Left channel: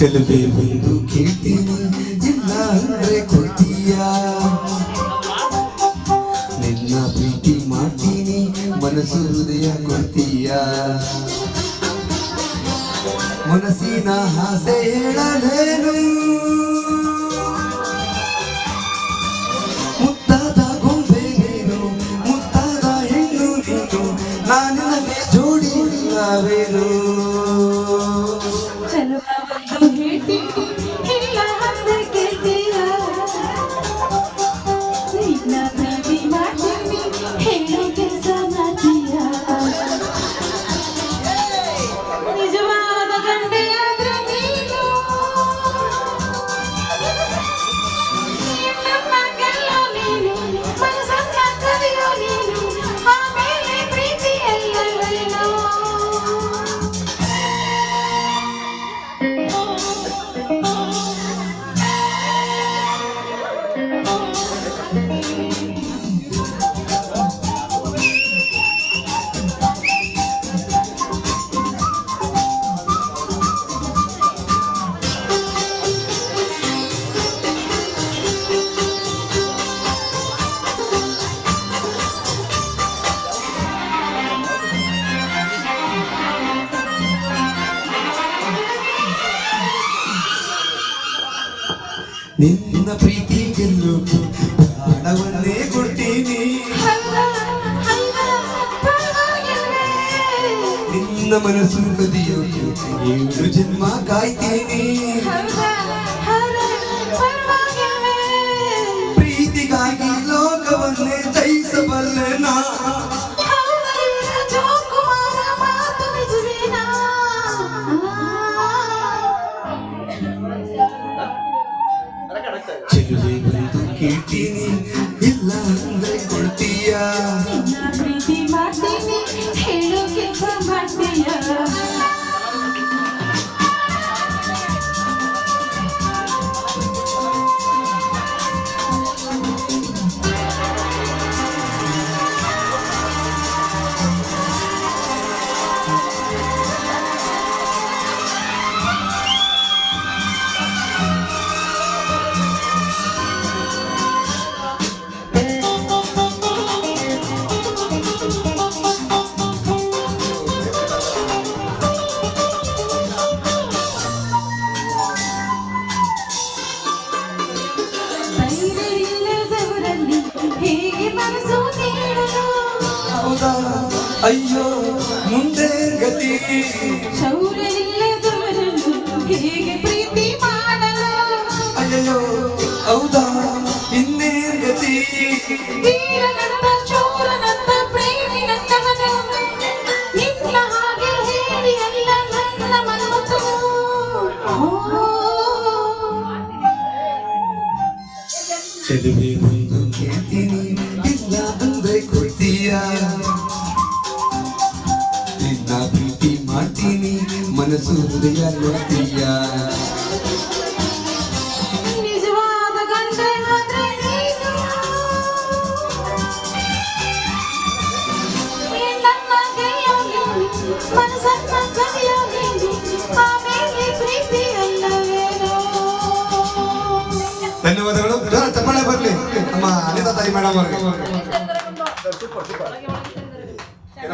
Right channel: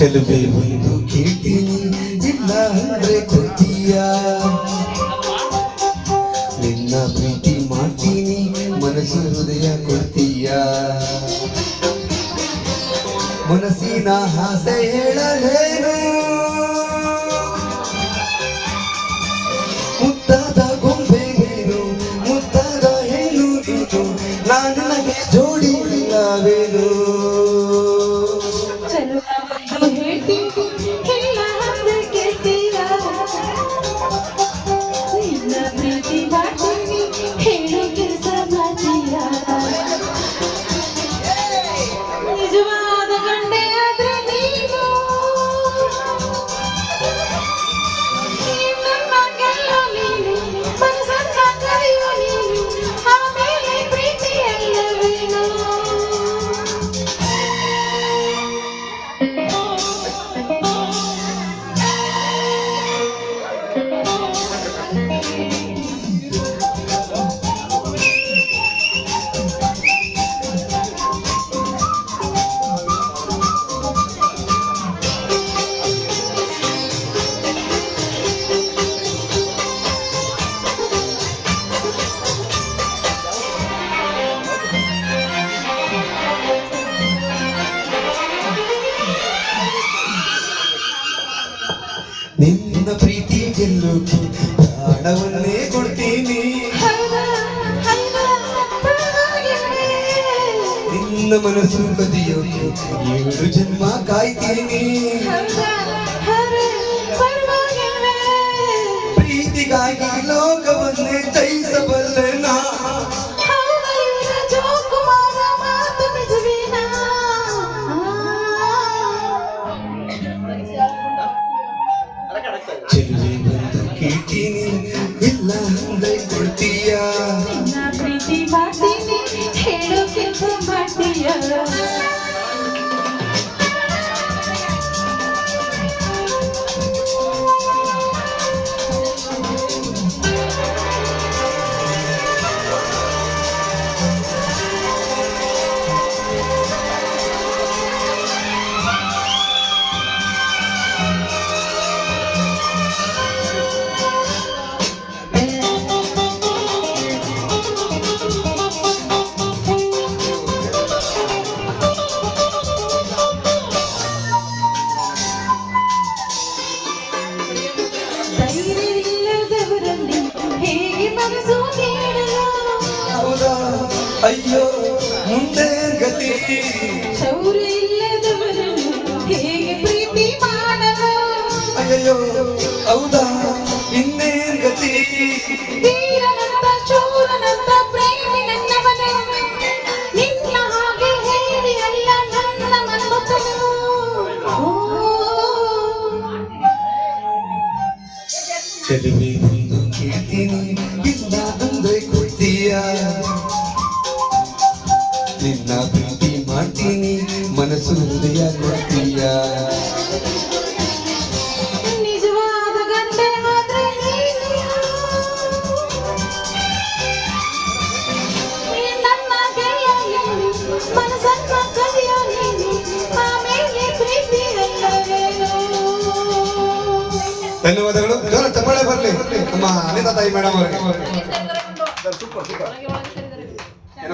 ಚೆಲುವೆ ಒಂದು ಕೇಳ್ತೀನಿ ಇಲ್ಲ ಅಂದ್ರೆ ಕೊಡ್ತೀಯ ನಿನ್ನ ಪ್ರೀತಿ ಮಾಡ್ತೀನಿ ಮನಸ್ಸು ಹೃದಯ ಕೊಡ್ತೀಯ. ಮನಸ್ಸಿನ ಆಸೆ ಹೇಳಲೇನು? ನಿನ್ನ ಪ್ರೀತಿ ಗೆಲ್ಲುಕ್ಕೆ ಪ್ರಾಣವನ್ನೇ ಕೊಡ್ತೀನಿ. ನಿನ್ನ ಮನಸ್ಸು ಕದಿಯೋಕೆ ಏಳು ಜನ್ಮ ಕಾಯ್ತೀನಿ. ಚೆಲುವೆ ಹೌದಾ ಅಯ್ಯೋ ಮುಂದೆ ಗತಿ. ಶೌರ್ಯ ಇಲ್ಲದವರನ್ನು ಹೇಗೆ ಪ್ರೀತಿ ಮಾಡಲು? ಅಯ್ಯಯ್ಯೋ ಹೌದಾ? ಇನ್ನೇನ್ ಗತಿ. ವೀರನಂತ ಚೋರನಂತ ಪ್ರೇಮಿ ನನ್ನವನು ನಿನ್ನ ಹಾಗೆ ಹೇಳಿ ಅಲ್ಲ ನನ್ನ ಮನ್ಮಥನು ಚೆಲುವೆ ಒಂದು ಕೇಳ್ತೀನಿ ಇಲ್ಲ ಅಂದ್ರೆ ಕೊಡ್ತೀಯ? ನಿನ್ನ ಪ್ರೀತಿ ಮಾಡ್ತೀನಿ ಮನಸ್ಸು ಹೃದಯ ನೋಡ್ತೀಯ? ಧನ್ಯವಾದಗಳು. ತಪ್ಪಳೆ ಚಪ್ಪಾಳೆ ಬರಲಿ. ನಮ್ಮ ಅನಿತಾ ತಾಯಿ ಮೇಡಮ್ ಅವರಿಗೆ. ಏನೋ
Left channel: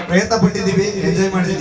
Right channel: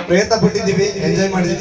ಪ್ರಯತ್ನ ಪಟ್ಟಿದ್ದೀವಿ ಎಂಜಾಯ್ ಮಾಡಿದ್ದೀವಿ.